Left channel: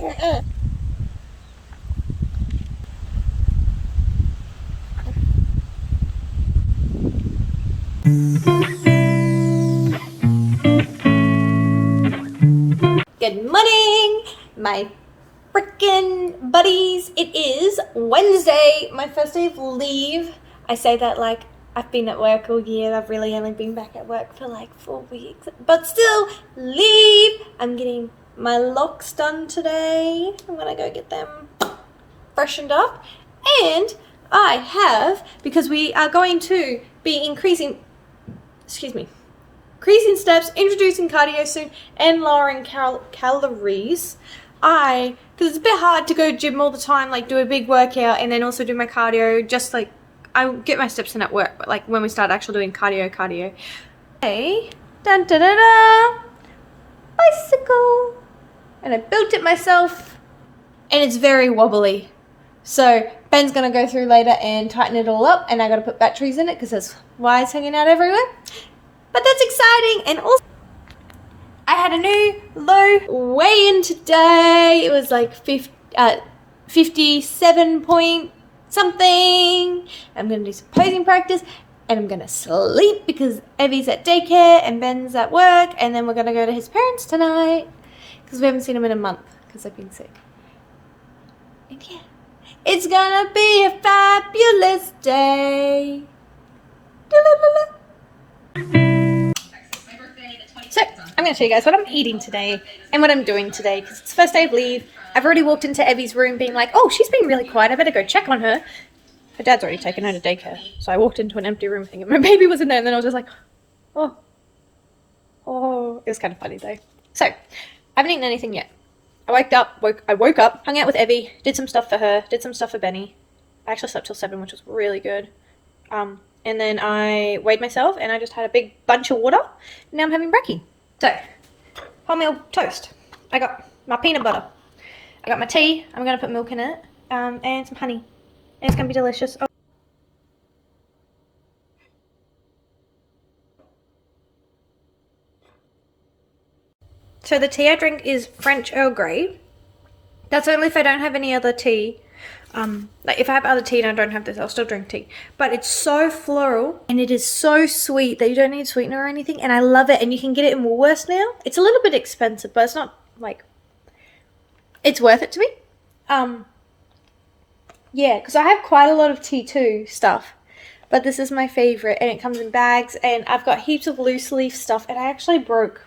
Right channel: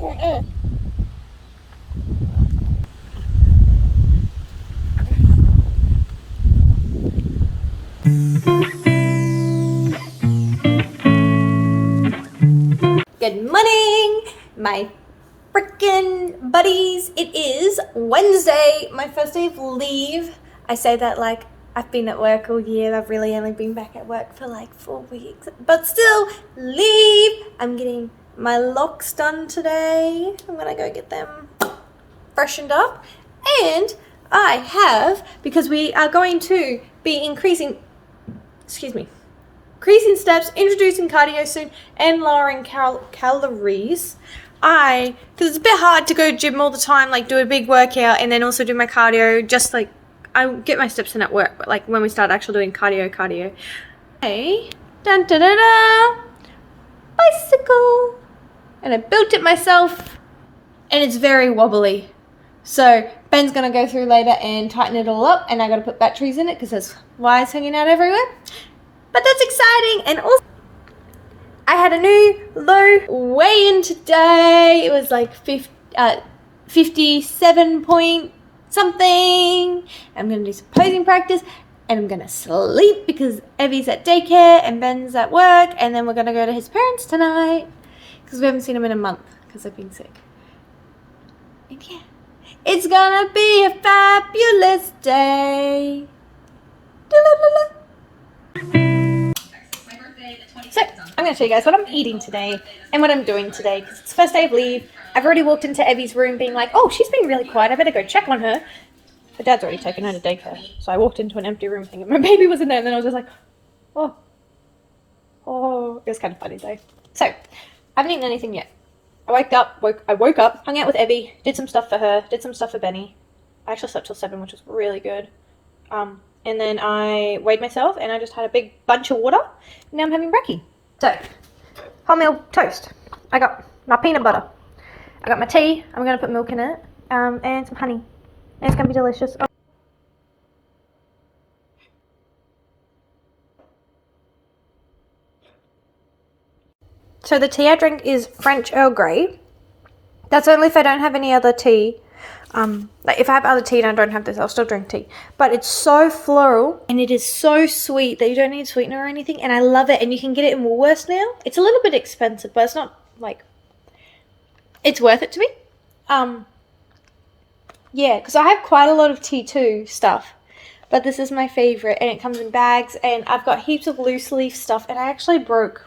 Good morning, my freaking buddies. It is Wednesday, my first day of leave. I say that like I've been at work all year. I've really only been back at work for like 4 weeks, but still leave. I'm getting my locks done today. I'm gonna go get them freshened up, and I have, because we are going to be increasing steps, introducing cardio soon, and lowering calories. Because it's a bit hard to go gym all the time, like do a big workout and then also do my cardio, just like I get my steps in at work, but like when we start actually doing cardio. Hey, dun da da da, bicycle, and I built it myself, and it's very wobbly. So Ben's gonna go through later and tighten it all up, and I gotta put batteries in it because there's wires hanging out everywhere. But that's exciting. And also, I had a new low weigh-in today. It was like 57 point something. I'm going to do some posing practice, and I'm going to sleep because Evie's at daycare and Ben's at work, and then we're going to go to his parents tonight because we haven't seen him in a month because I've been sick. And yeah, it's going to be a fabulous day. Da-la-la-la. So, I'm going to show you guys what I'm eating today and what I'm doing today because it's the first day of leave. I've already walked into Evie's room being like, oh, she's been really quiet. I better go check on her. Her dad's already taken her to daycare. So I walked into an empty room thinking my baby was in there, and then I was just like, oh. It was kind of funny though. So, I haven't eaten anything yet. I woke up, hung out with Evie, did some stuff for her, did some stuff for Benny. I actually slept till 7, which was really good. And then I weighed myself, and I just had a big bunch of water, and now I'm having brekkie. So, wholemeal toast. I got my peanut butter. I got my tea. I'm going to put milk in it, and some honey. And it's going to be delicious. Oh. So the tea I drink is French Earl Grey. That's only if I don't have any other tea. Like if I have other tea and I don't have this, I'll still drink tea. But it's so floral, and it is so sweet that you don't need sweetener or anything, and I love it. And you can get it in Woolworths now. It's a little bit expensive, but it's not like, it's worth it to me. Yeah, because I have quite a lot of T2 stuff, but this is my favorite, and it comes in bags, and I've got heaps of loose leaf stuff, and I actually broke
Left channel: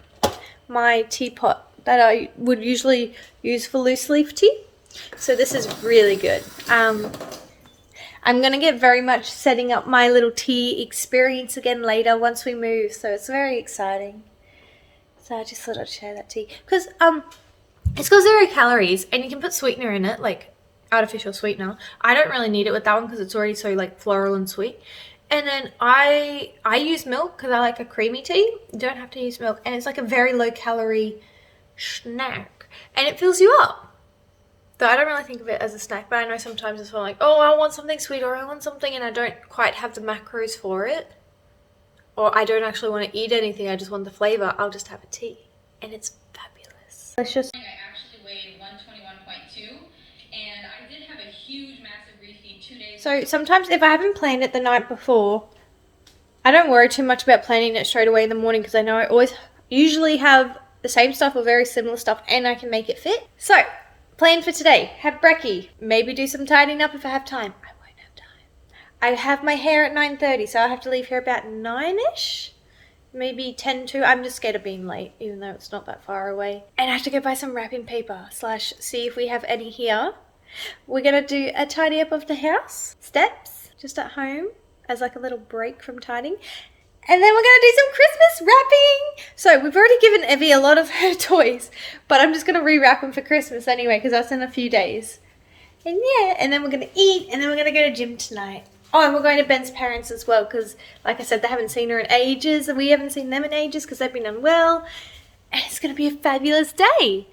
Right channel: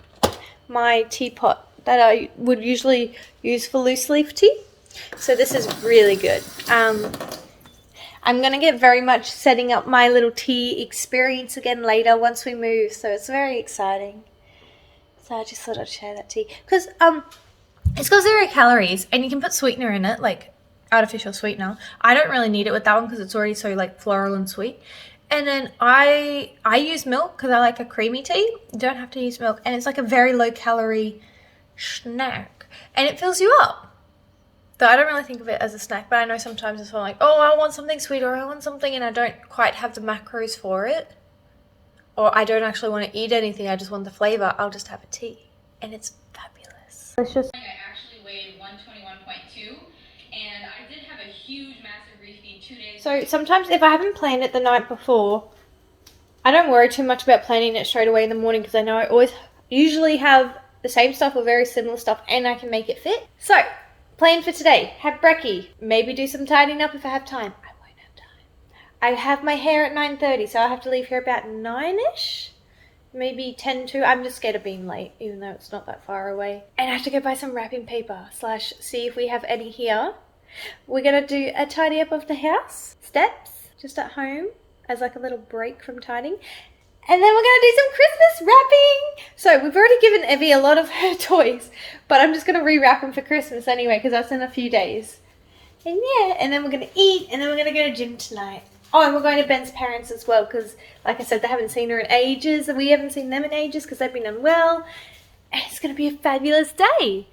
my teapot that I would usually use for loose leaf tea. So this is really good. I'm going to get very much setting up my little tea experience again later once we move. So it's very exciting. So I just thought I'd share that tea. Because it's got 0 calories, and you can put sweetener in it, like artificial sweetener. I don't really need it with that one because it's already so like floral and sweet. And then I use milk because I like a creamy tea. You don't have to use milk. And it's like a very low calorie snack. And it fills you up. So I don't really think of it as a snack, but I know sometimes it's like, oh, I want something sweet, or I want something, and I don't quite have the macros for it. Or I don't actually want to eat anything, I just want the flavor. I'll just have a tea. And it's fabulous. Delicious. I actually weighed 121.2, and I did have a huge, massive refeed 2 days. So sometimes if I haven't planned it the night before, I don't worry too much about planning it straight away in the morning because I know I usually have the same stuff or very similar stuff, and I can make it fit. So, plan for today, have brekkie, maybe do some tidying up if I have time. I won't have time. I have my hair at 9:30, so I have to leave here about 9ish, maybe 10 to. I'm just scared of being late, even though it's not that far away. And I have to go buy some wrapping paper / see if we have any here. We're gonna do a tidy up of the house, steps, just at home, as like a little break from tidying. And then we're going to do some Christmas wrapping. So we've already given Evie a lot of her toys, but I'm just going to rewrap them for Christmas anyway because that's in a few days. And yeah, and then we're going to eat, and then we're going to go to gym tonight. Oh, and we're going to Ben's parents as well because, like I said, they haven't seen her in ages, and we haven't seen them in ages because they've been unwell. And it's going to be a fabulous day.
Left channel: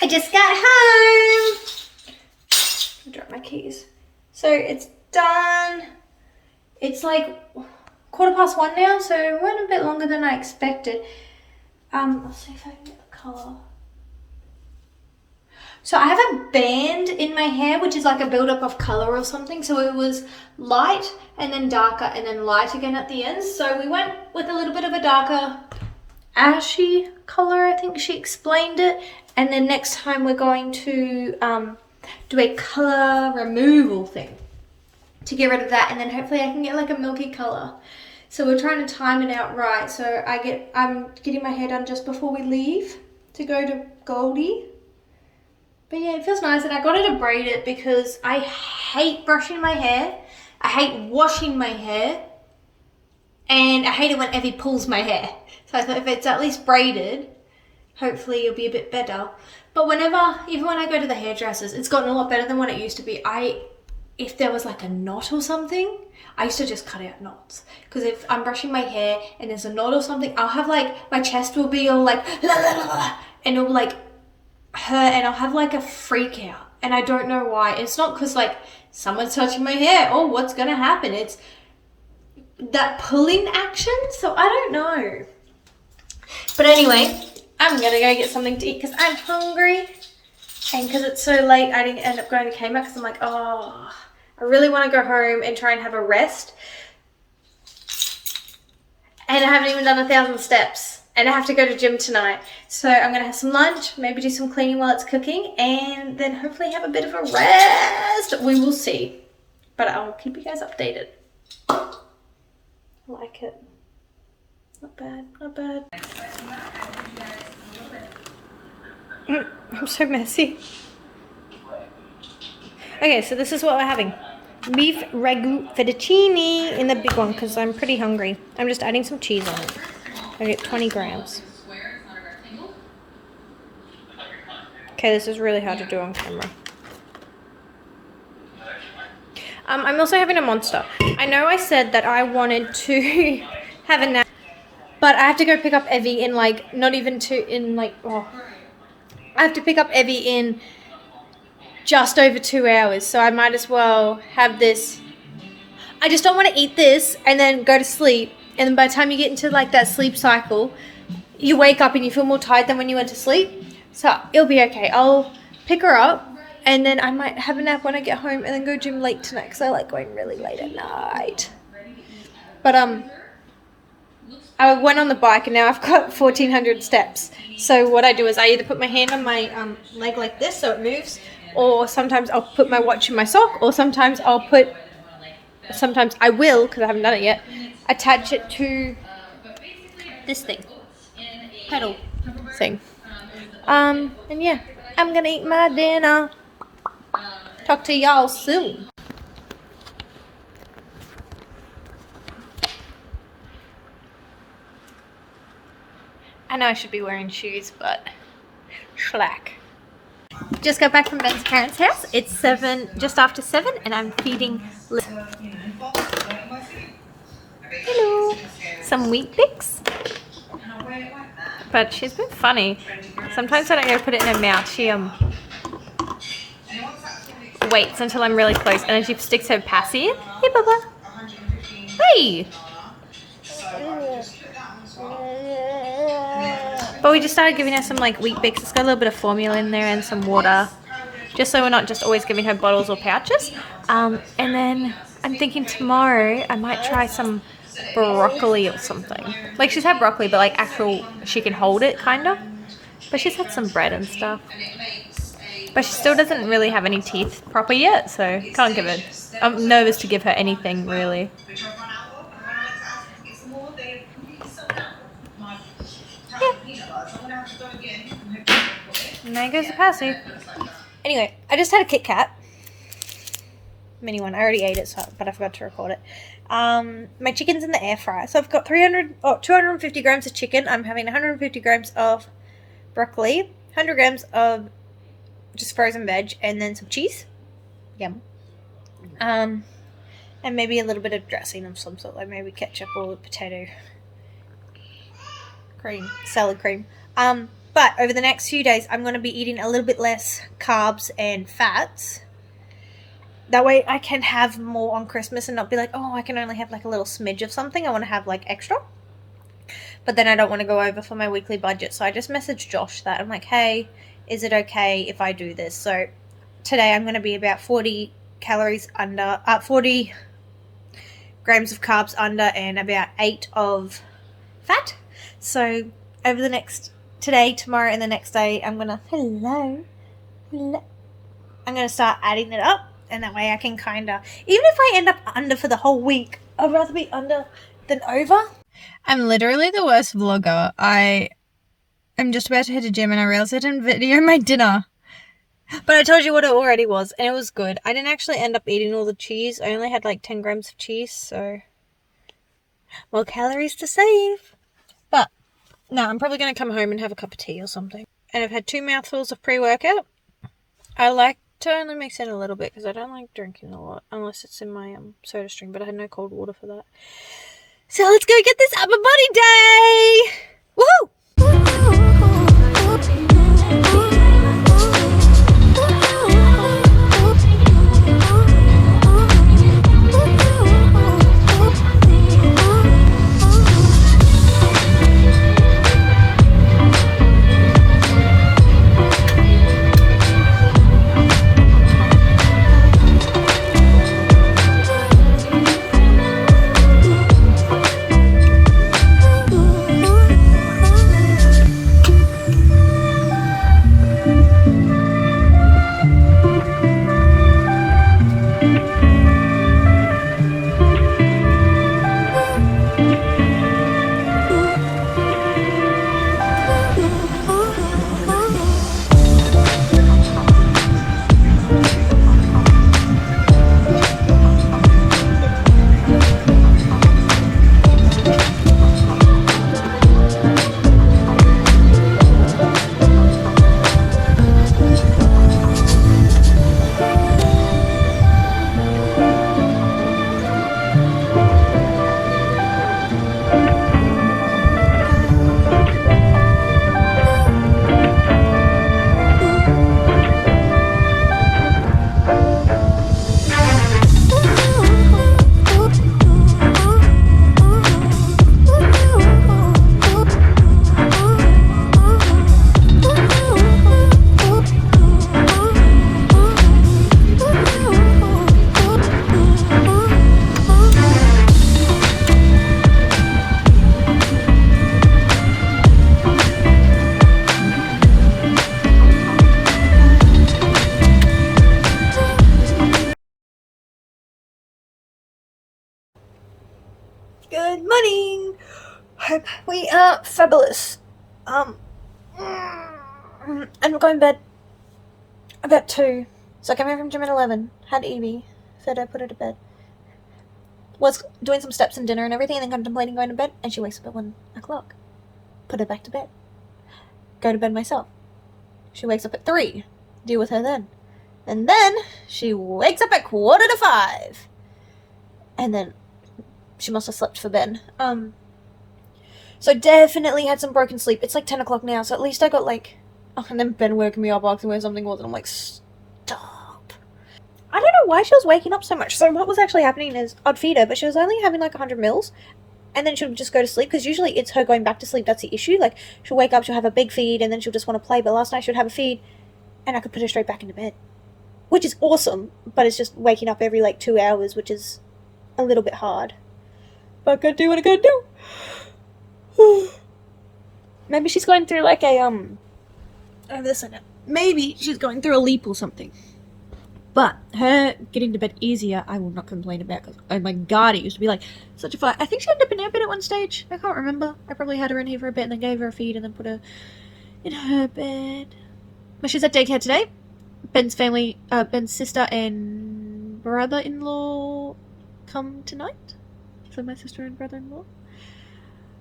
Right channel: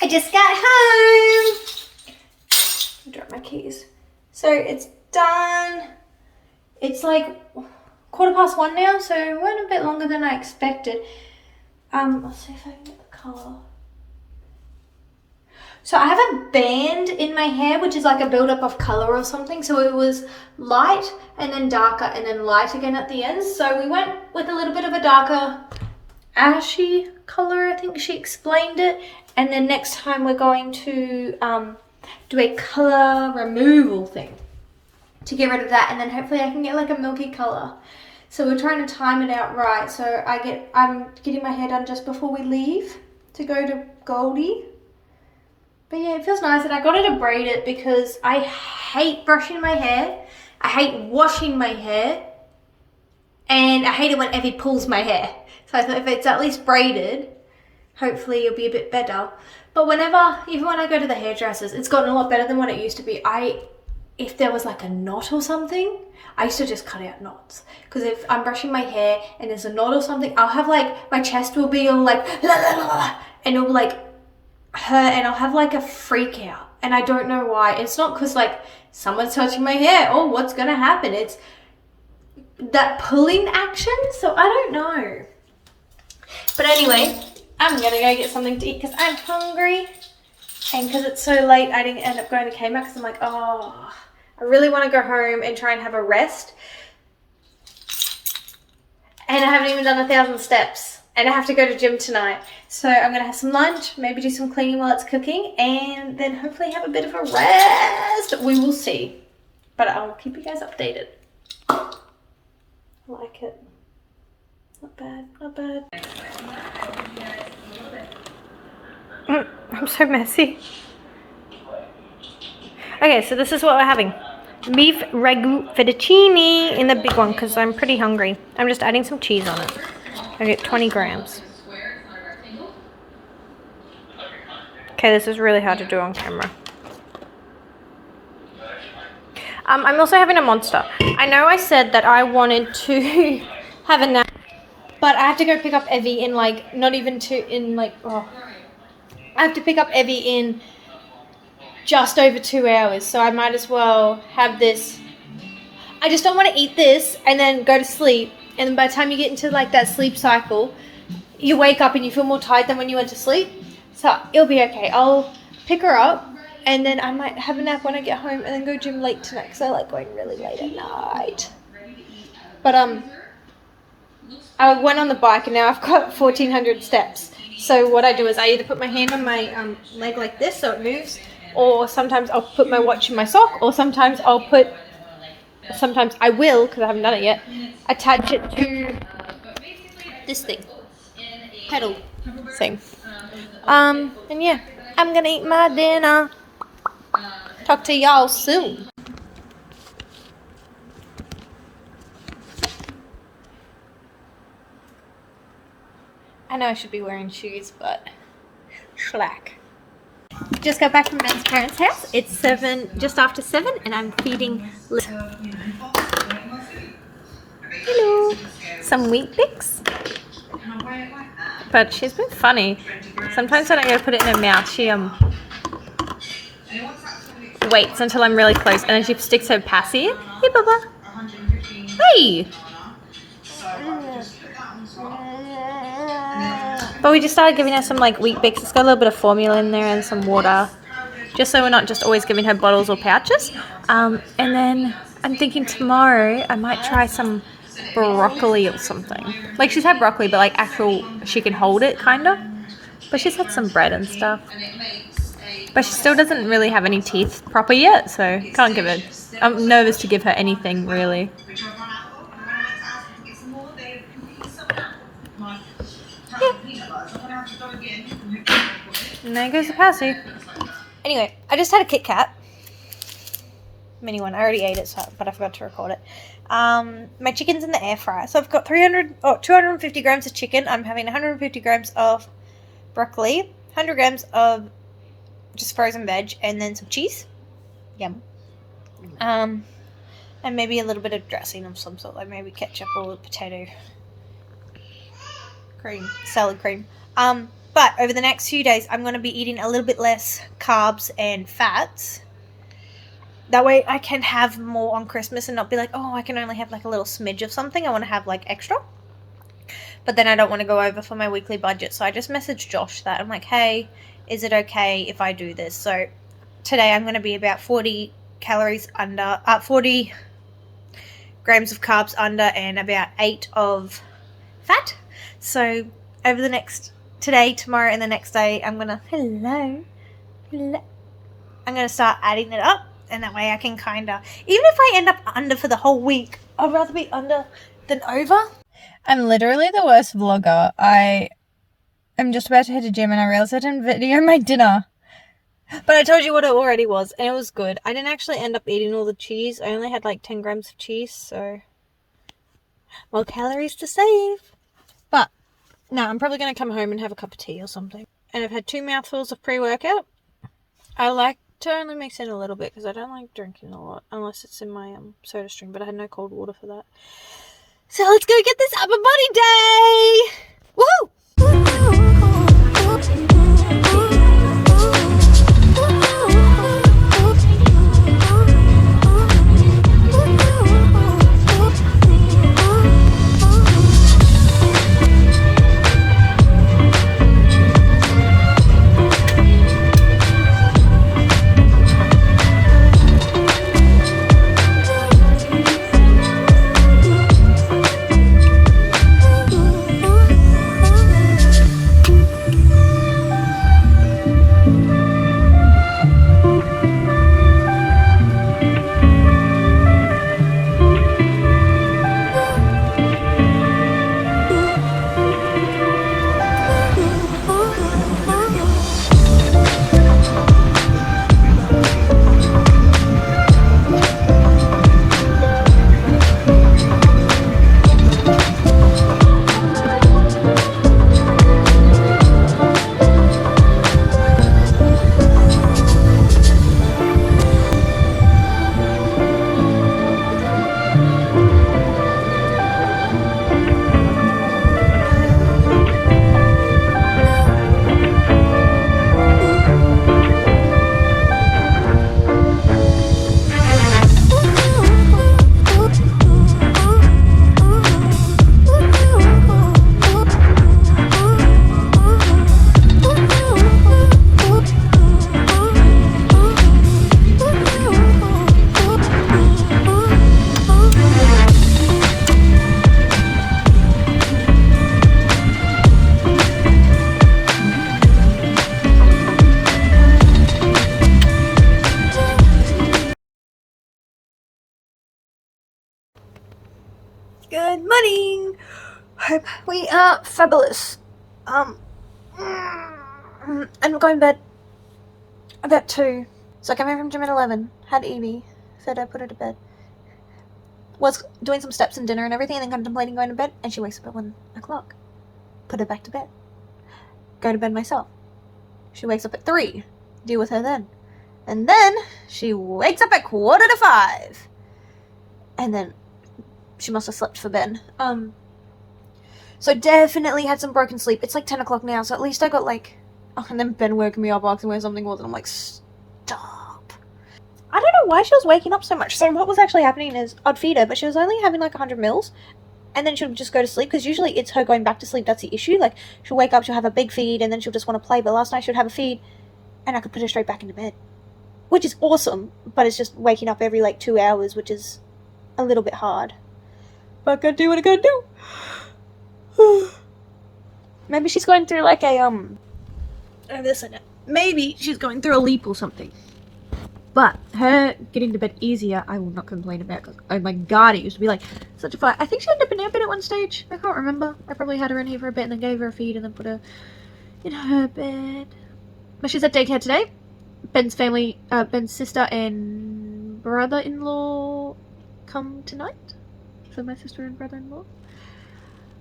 I just got home. Drop my keys. So it's done. It's like 1:15 now, so it went a bit longer than I expected. I'll see if I can get the colour. So I have a band in my hair, which is like a build-up of colour or something. So it was light and then darker and then light again at the end. So we went with a little bit of a darker ashy colour, I think she explained it. And then next time we're going to do a colour removal thing to get rid of that. And then hopefully I can get like a milky colour. So we're trying to time it out right. So I'm getting my hair done just before we leave to go to Goldie. But yeah, it feels nice, and I got her to braid it because I hate brushing my hair, I hate washing my hair, and I hate it when Evie pulls my hair. So I thought if it's at least braided, hopefully it'll be a bit better. But even when I go to the hairdressers, it's gotten a lot better than what it used to be. If there was like a knot or something, I used to just cut out knots. Because if I'm brushing my hair and there's a knot or something, I'll have like, my chest will be all like, la, la, la, la, and it'll like, hurt, and I'll have like a freak out, and I don't know why. It's not because like someone's touching my hair, oh, what's gonna happen? It's that pulling action, so I don't know. But anyway, I'm gonna go get something to eat because I'm hungry, and because it's so late I didn't end up going to Kmart because I'm like, oh, I really want to go home and try and have a rest, and I haven't even done 1,000 steps. And I have to go to gym tonight. So I'm going to have some lunch, maybe do some cleaning while it's cooking, and then hopefully have a bit of a rest. We will see. But I'll keep you guys updated. I like it. Not bad, not bad. I'm so messy. Okay, so this is what we're having. Beef ragu fettuccine in the big one because I'm pretty hungry. I'm just adding some cheese on it. I get 20 grams. Okay, this is really hard to do on camera. I'm also having a Monster. I know I said that I wanted to have a nap, but I have to go pick up Evie in like, I have to pick up Evie in just over 2 hours, so I might as well have this. I just don't want to eat this and then go to sleep. And then by the time you get into like that sleep cycle, you wake up and you feel more tired than when you went to sleep. So it'll be okay. I'll pick her up and then I might have a nap when I get home and then go gym late tonight because I like going really late at night. But I went on the bike and now I've got 1,400 steps. So what I do is I either put my hand on my leg like this so it moves, or sometimes I'll put my watch in my sock, or sometimes I will, because I haven't done it yet, attach it to this thing, pedal thing. And yeah, I'm gonna eat my dinner. Talk to y'all soon. I know I should be wearing shoes, but schlack. Just got back from Ben's parents' house. It's just after 7, and I'm feeding Liz. Hello. Some wheat bix. But she's been funny. Sometimes when I go to put it in her mouth, she waits until I'm really close, and then she sticks her passy in. Hey, Bubba. Hey. But we just started giving her some like wheat bix. It's got a little bit of formula in there and some water, just so we're not just always giving her bottles or pouches. And then I'm thinking tomorrow I might try some broccoli or something. Like, she's had broccoli, but like actual, she can hold it kind of. But she's had some bread and stuff. But she still doesn't really have any teeth proper yet, so can't give it. I'm nervous to give her anything really. And there goes the passy. Anyway, I just had a Kit Kat. Mini one. I already ate it, but I forgot to record it. My chicken's in the air fryer. So I've got 250 grams of chicken. I'm having 150 grams of broccoli, 100 grams of just frozen veg, and then some cheese. Yum. And maybe a little bit of dressing of some sort, like maybe ketchup or potato cream, salad cream. But over the next few days, I'm going to be eating a little bit less carbs and fats. That way I can have more on Christmas and not be like, oh, I can only have like a little smidge of something. I want to have like extra. But then I don't want to go over for my weekly budget. So I just messaged Josh that. I'm like, hey, is it okay if I do this? So today I'm going to be about 40 calories under, 40 grams of carbs under, and about 8 of fat. So over the next, today, tomorrow, and the next day, I'm going to, hello, I'm going to start adding it up. And that way I can kind of, even if I end up under for the whole week, I'd rather be under than over. I'm literally the worst vlogger. I'm just about to hit the gym and I realized I didn't video my dinner. But I told you what it already was, and it was good. I didn't actually end up eating all the cheese. I only had like 10 grams of cheese, so more calories to save. But no, I'm probably going to come home and have a cup of tea or something. And I've had 2 mouthfuls of pre-workout. I like to only mix in a little bit because I don't like drinking a lot unless it's in my soda stream, but I had no cold water for that. So let's go get this upper body day! Woohoo! Good morning. Hope we are fabulous. And we're going to bed about 2. So I came home from gym at 11. Had Evie. Said I put her to bed. Was doing some steps and dinner and everything, and then contemplating going to bed. And she wakes up at 1 o'clock. Put her back to bed. Go to bed myself. She wakes up at 3. Deal with her then. And then she wakes up at 4:45. And then she must have slept for bed. So definitely had some broken sleep. It's like 10 o'clock now, so at least I got like... Oh, and then Ben woke me up asking where something was, and I'm like, stop. I don't know why she was waking up so much. So what was actually happening is I'd feed her, but she was only having like 100 mils, and then she'll just go to sleep, because usually it's her going back to sleep that's the issue. Like, she'll wake up, she'll have a big feed, and then she'll just want to play. But last night she would have a feed, and I could put her straight back into bed, which is awesome, but it's just waking up every like 2 hours, which is a little bit hard. But I gotta do what I gotta do. Maybe she's going through like a maybe she's going through a leap or something. But her getting to bed easier, I will not complain about, because oh my god, it used to be like such a fight. I think she ended up in her bed at one stage. I can't remember. I probably had her in here for a bit and then gave her a feed and then put her in her bed. But she's at daycare today. Ben's family, Ben's sister and brother-in-law come tonight. So my sister and brother-in-law.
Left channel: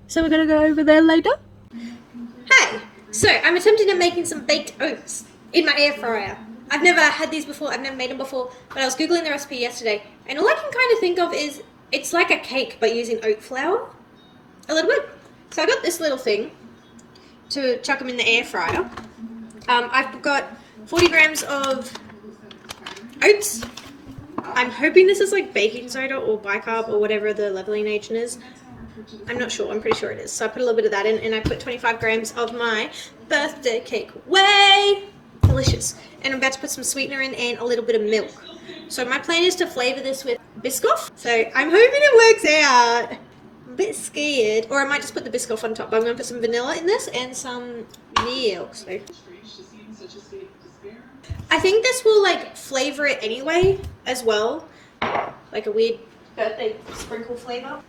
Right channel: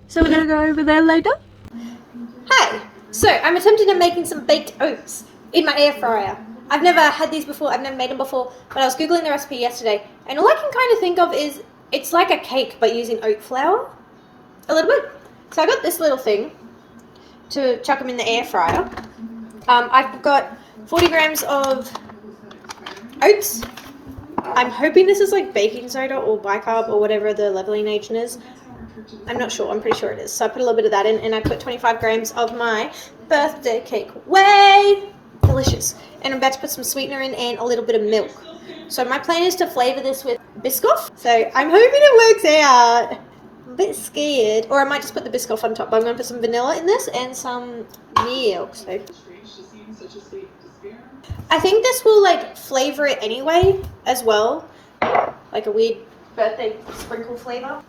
So we're gonna go over there later. Hey, so I'm attempting to making some baked oats in my air fryer. I've never had these before, I've never made them before, but I was googling the recipe yesterday, and all I can kind of think of is it's like a cake but using oat flour a little bit. So I got this little thing to chuck them in the air fryer. I've got 40 grams of oats, I'm hoping this is like baking soda or bicarb or whatever the leveling agent is. I'm not sure. I'm pretty sure it is. So I put a little bit of that in, and I put 25 grams of my birthday cake. Way delicious. And I'm about to put some sweetener in and a little bit of milk. So my plan is to flavor this with Biscoff. So I'm hoping it works out. I'm a bit scared. Or I might just put the Biscoff on top. But I'm going to put some vanilla in this and some milk. So I think this will like flavor it anyway as well. Like a weird birthday sprinkle flavor.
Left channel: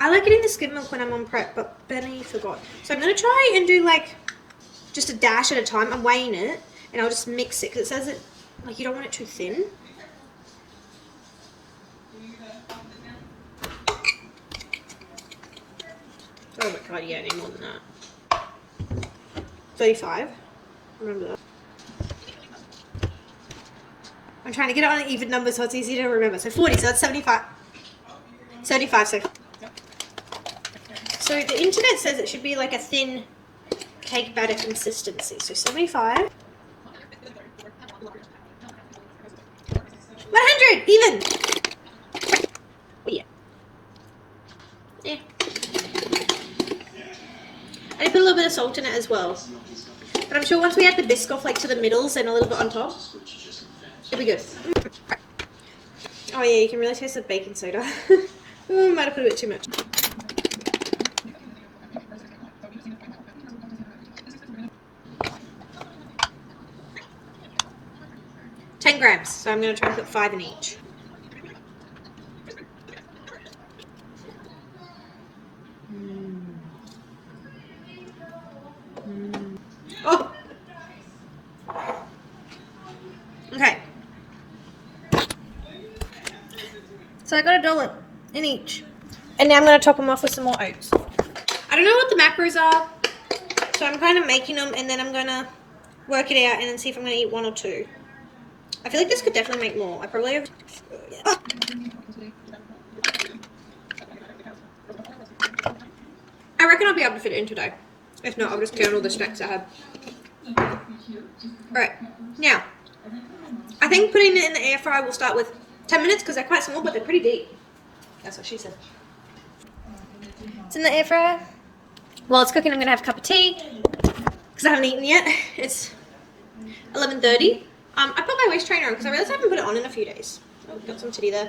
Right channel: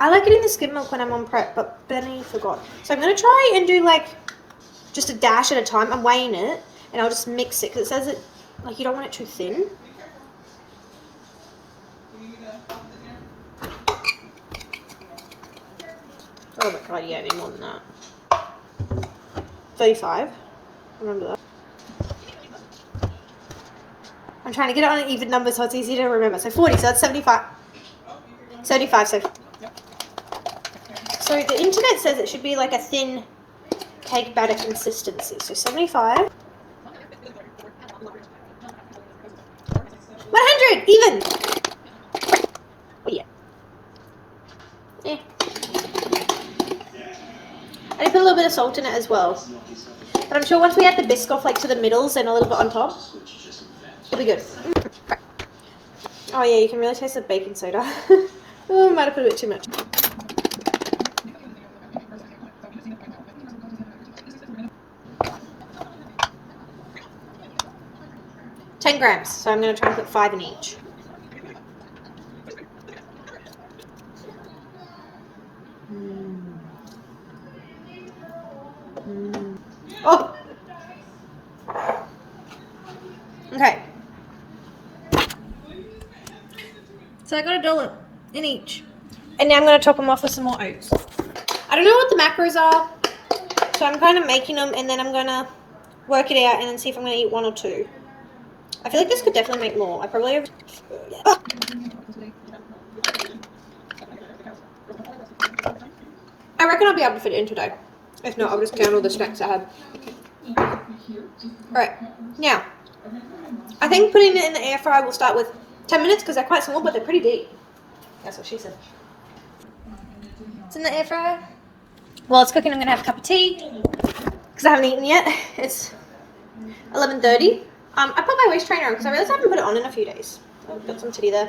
I like it in the skim milk when I'm on prep, but Benny forgot. So I'm going to try and do like just a dash at a time. I'm weighing it and I'll just mix it because it says it like you don't want it too thin. Oh my god, yeah, I need more than that. 35. Remember that. I'm trying to get it on an even number so it's easy to remember. So 40, so that's 75. 75, so the internet says it should be like a thin cake batter consistency. So 75. 100, even. Oh yeah. Yeah. I put a little bit of salt in it as well. But I'm sure once we add the Biscoff like to the middles and a little bit on top, it'll be good. Oh yeah, you can really taste the baking soda. Oh, I might have put a bit too much. $10 grams, so I'm going to try and put 5 in each. Oh! Okay. So I got $1 in each. And now I'm going to top them off with some more oats. I don't know what the macros are, so I'm kind of making them and then I'm going to work it out and then see if I'm going to eat 1 or 2. I feel like this could definitely make more. I probably have... Yeah. I reckon I'll be able to fit it in today. If not, I'll just count all the snacks I have. Alright, now, I think putting it in the air fryer will start with 10 minutes because they're quite small, but they're pretty deep. That's what she said. It's in the air fryer. While it's cooking, I'm going to have a cup of tea because I haven't eaten yet. It's 11:30. I put my waist trainer on because I realized I haven't put it on in a few days. I've got some titty there.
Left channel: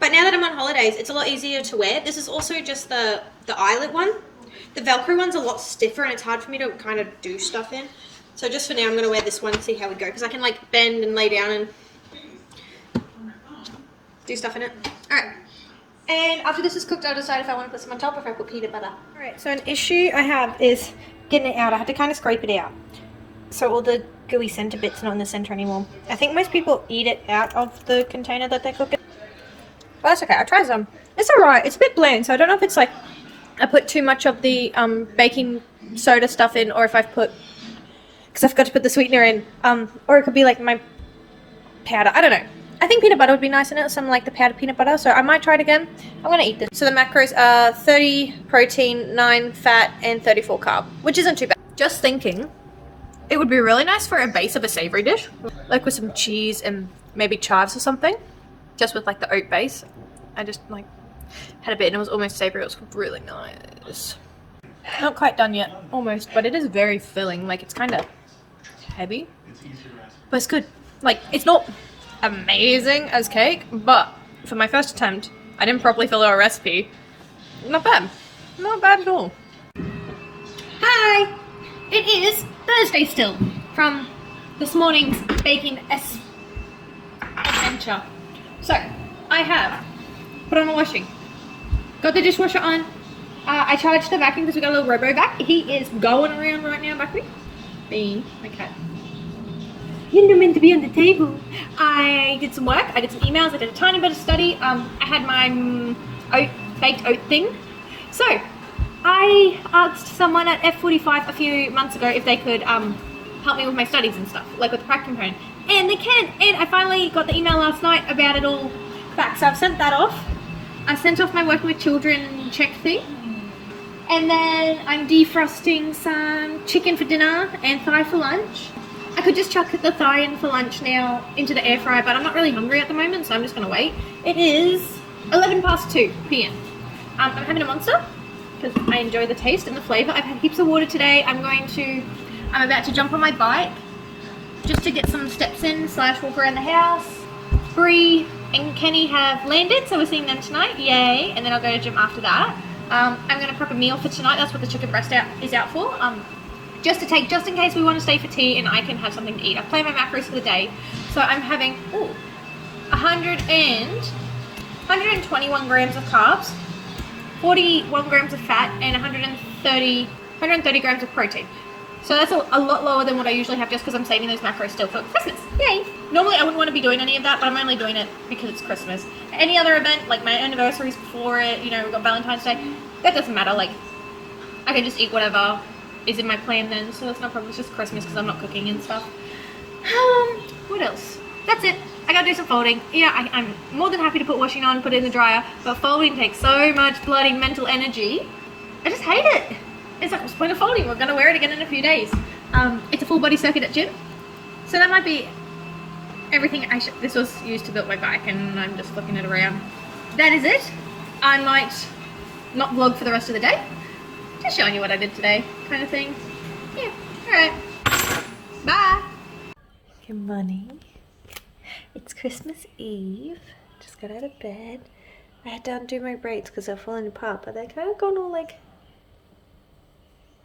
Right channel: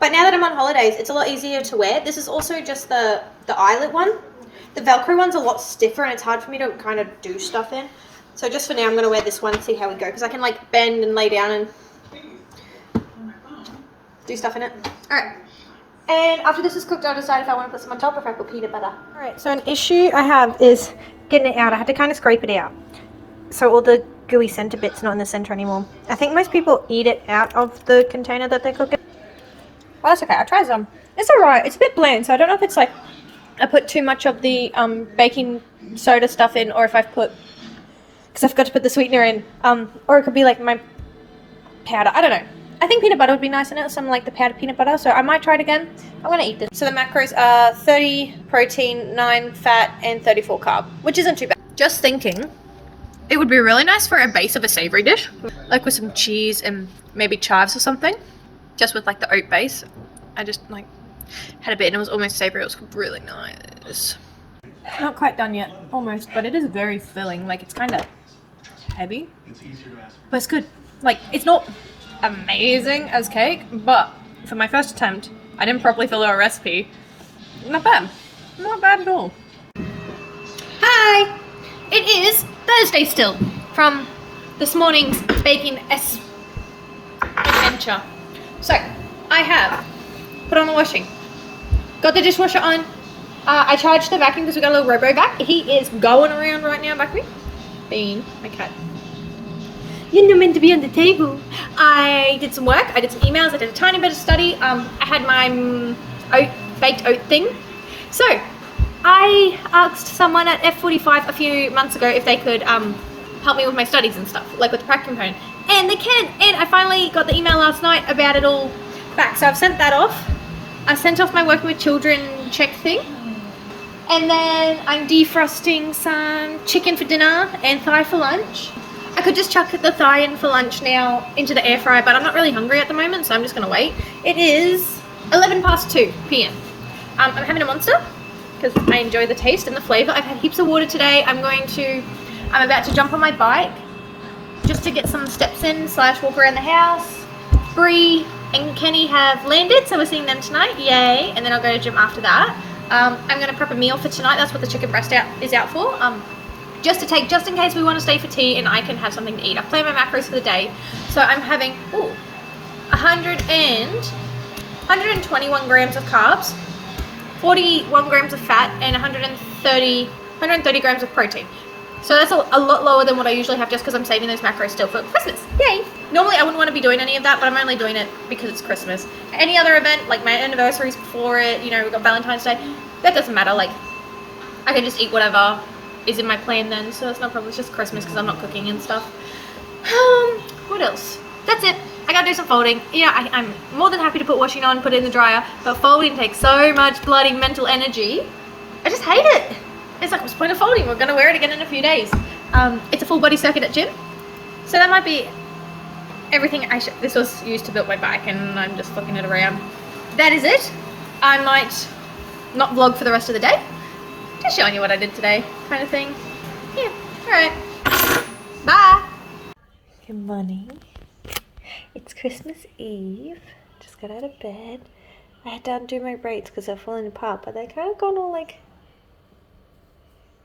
But now that I'm on holidays, it's a lot easier to wear. This is also just the eyelet one. The Velcro one's a lot stiffer and it's hard for me to kind of do stuff in. So just for now, I'm going to wear this one and see how we go. Because I can like bend and lay down and do stuff in it. Alright. And after this is cooked, I'll decide if I want to put some on top or if I put peanut butter. Alright, so an issue I have is getting it out. I had to kind of scrape it out. So all the gooey center bit's not in the center anymore. I think most people eat it out of the container that they're cooking. Well, that's okay. I'll try some. It's alright. It's a bit bland, so I don't know if it's like I put too much of the baking soda stuff in or if I've put... Because I forgot to put the sweetener in. Or it could be like my powder. I don't know. I think peanut butter would be nice in it. Something like the powdered peanut butter. So I might try it again. I'm going to eat this. So the macros are 30 protein, 9 fat, and 34 carb. Which isn't too bad. Just thinking, it would be really nice for a base of a savory dish. Like with some cheese and maybe chives or something. Just with like the oat base. I just like had a bit and it was almost savory. It was really nice. Not quite done yet. Almost. But it is very filling. Like it's kind of heavy. But it's good. Like it's not amazing as cake, but for my first attempt, I didn't properly follow a recipe. Not bad. Not bad at all. Hi! It is Thursday still from this morning's baking adventure. So, I have put on the washing. Got the dishwasher on. I charged the vacuum because we got a little robo vac. He is going around right now back me. Bean, my cat. You're not meant to be on the table. I did some work. I did some emails. I did a tiny bit of study. I had my baked oat thing. So, I asked someone at F45 a few months ago if they could help me with my studies and stuff, like with the prac component. And they can. And I finally got the email last night about it all back. So I've sent that off. I sent off my working with children check thing. And then I'm defrosting some chicken for dinner and thigh for lunch. I could just chuck the thigh in for lunch now into the air fryer, but I'm not really hungry at the moment, so I'm just gonna wait. It is 11 past 2 p.m. I'm having a Monster because I enjoy the taste and the flavor. I've had heaps of water today. I'm about to jump on my bike just to get some steps in / walk around the house. Bree and Kenny have landed, so we're seeing them tonight. Yay! And then I'll go to gym after that. I'm gonna prep a meal for tonight. That's what the chicken breast is out for. Just in case we want to stay for tea and I can have something to eat. I've planned my macros for the day, so I'm having 121 grams of carbs, 41 grams of fat, and 130 grams of protein. So that's a lot lower than what I usually have, just because I'm saving those macros still for Christmas. Yay! Normally I wouldn't want to be doing any of that, but I'm only doing it because it's Christmas. Any other event, like my anniversaries before it, you know, we've got Valentine's Day, that doesn't matter. Like, I can just eat whatever is in my plan then, so that's no problem. It's just Christmas because I'm not cooking and stuff. What else? That's it. I gotta do some folding. Yeah, I'm more than happy to put washing on, put it in the dryer, but folding takes so much bloody mental energy. I just hate it. It's like, what's the point of folding? We're gonna wear it again in a few days. It's a full body circuit at gym, so that might be everything this was used to build my bike, and I'm just flipping it around. That is it. I might not vlog for the rest of the day. Just showing you what I did today, kind of thing. Yeah, alright. Bye! Good morning. It's Christmas Eve. Just got out of bed. I had to undo my braids because they're falling apart, but they're kind of gone all like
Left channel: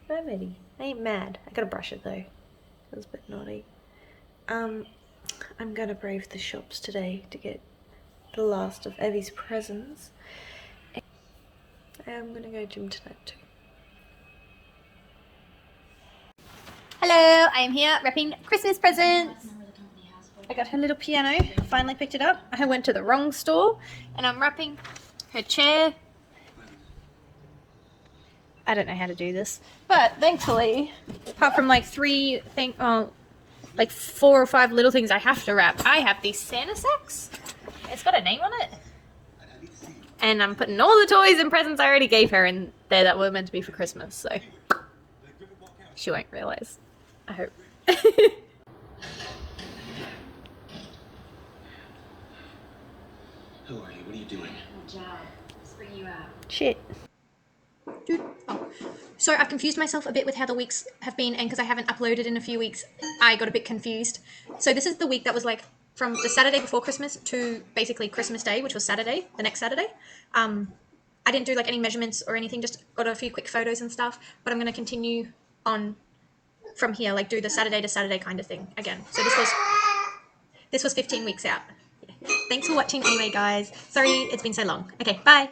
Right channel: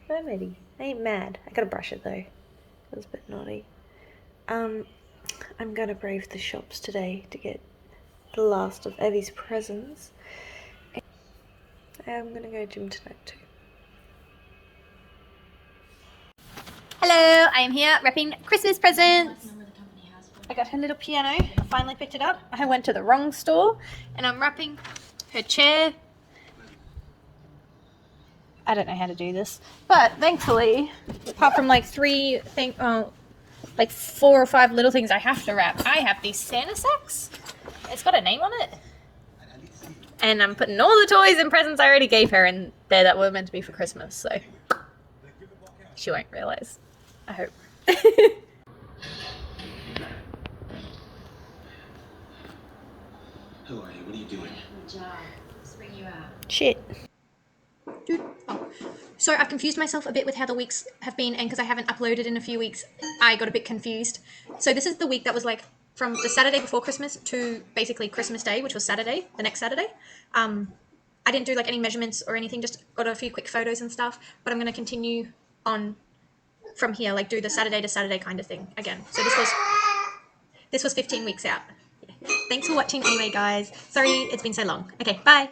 mermaidy. I ain't mad. I gotta brush it though. It was a bit naughty. I'm gonna brave the shops today to get the last of Evie's presents. I'm gonna go gym tonight too. Hello, I am here wrapping Christmas presents. I got her little piano. I finally picked it up. I went to the wrong store and I'm wrapping her chair. I don't know how to do this, but thankfully, apart from like 4 or 5 little things I have to wrap, I have these Santa sacks. It's got a name on it. And I'm putting all the toys and presents I already gave her in there that were meant to be for Christmas, so she won't realize. I hope. Who are you? What are you doing? Good job. Let's bring you out. Shit. So I've confused myself a bit with how the weeks have been, and because I haven't uploaded in a few weeks, I got a bit confused. So this is the week that was like from the Saturday before Christmas to basically Christmas Day, which was Saturday, the next Saturday. I didn't do like any measurements or anything, just got a few quick photos and stuff, but I'm going to continue on from here, like do the Saturday to Saturday kind of thing again. So this was 15 weeks out. Thanks for watching anyway, guys. Sorry it's been so long. Okay, bye.